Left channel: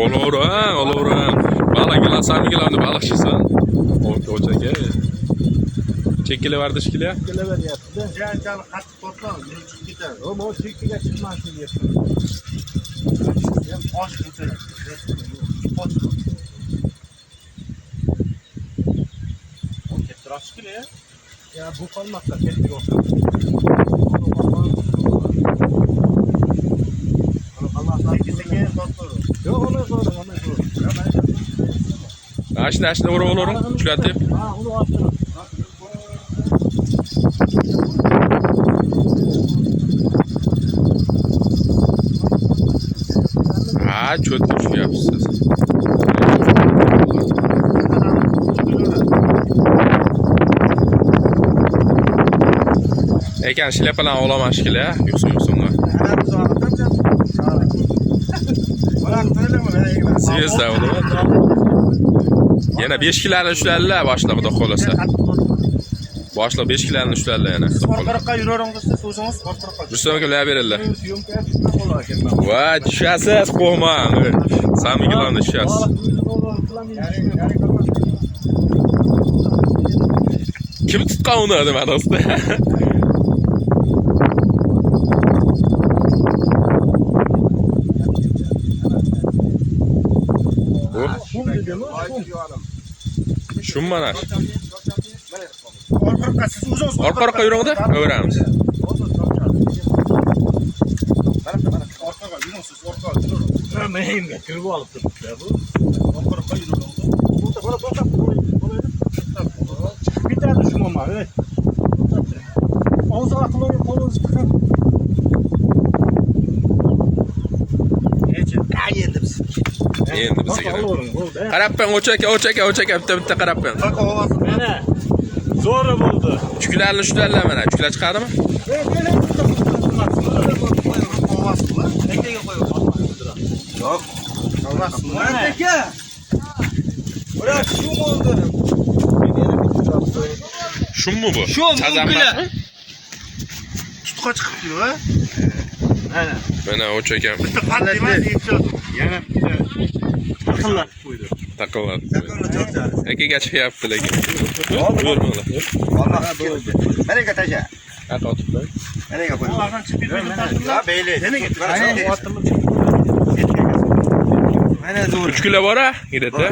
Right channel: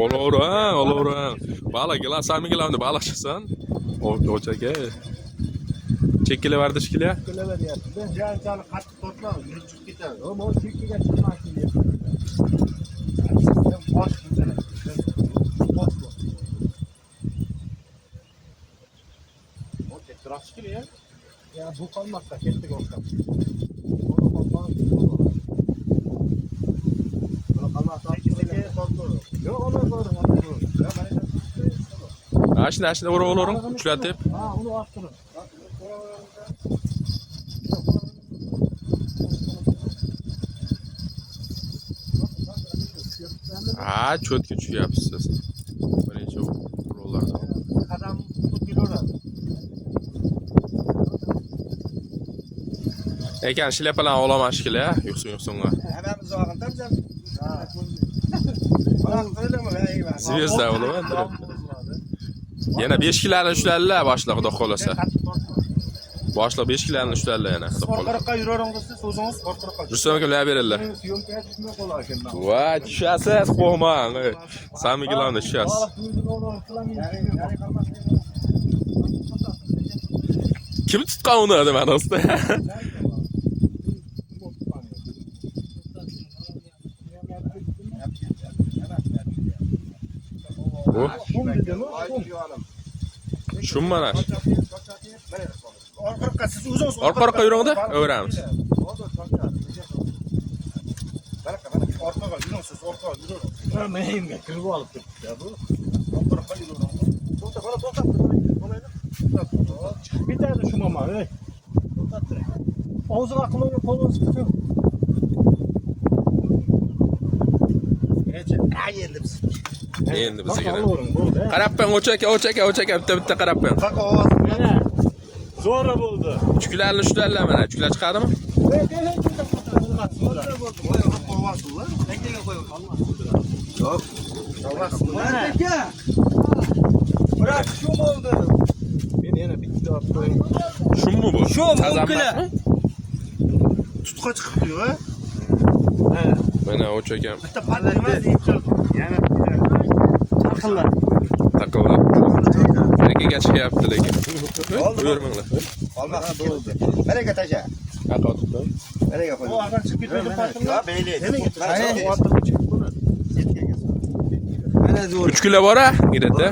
Olur ha, olur. Balıklar, samimiler balıkçısın. Oçaka. Çekile vardı şekile. Çekile var yaptı. Can kaç toplam. Gider. Ama o çekile çıkmasın diye. Boş güzel. Boş. Okey, tıraş gibi ya. Ya bu kalmakla kendi olsa. Yok ondan sonra. Aşina olurum. Çıkartıp. Ha onu açtırın. Ha, çöt şu yapsız. Ekan şilepalan olaman şekilde ya. Yoksun. Siz de olur. Yana 5 kilolarni ushlarlar boshliq xudo xolasa. Boshliq 5 kilolarni ushlarlar yana. Orqaroqqa yuraveramiz siz o'zingiz orqaroqqa. Rustam akalar beringlar. Syomkaya tushmay qolar ekan. Va, tushasiz, qo'rqmang. Samimilarni tushasiz. Kim tutgan uni nima do'sti? Şun mana. Orqaroqqa siz o'zingiz Orqa yuringda, o'ramiz. Orqaga yuring siz, orqaga yuring. Mehimga kirib olib turibdilar bu. Orqaroqqa yuring. Bitadi shu momani. Og'ziga qilib qo'lingiz chiqsin. Endi biz. Endi bizga. Qarabman, o'chaka, bitta qarabman. Taqa ovoz. Mana zo'ra bo'ldi. Uchkularni ushlarlar mana, uchkular chiqadimi? Ovoz bu. Tekkaga qo'yib olmasdi. Yo'q. Mana aka. Bırak şu oldu. Shunmi bu? Shu mumkila. Tutqa chiqibdi va. Ha. Mana o'chaka. Bitta qanday emas, yetadi. Yana taqillar. Taqillar. Akaga chiqyapti lekin. Buyurmanglar. Vallahi bo'ldi. Nereye taşa? Nereye koy? Bu aradan çıkıp bir farkında. Ha beyli. Nereye gitti? Mana zo'r. 3 kilo bor-a, girdida.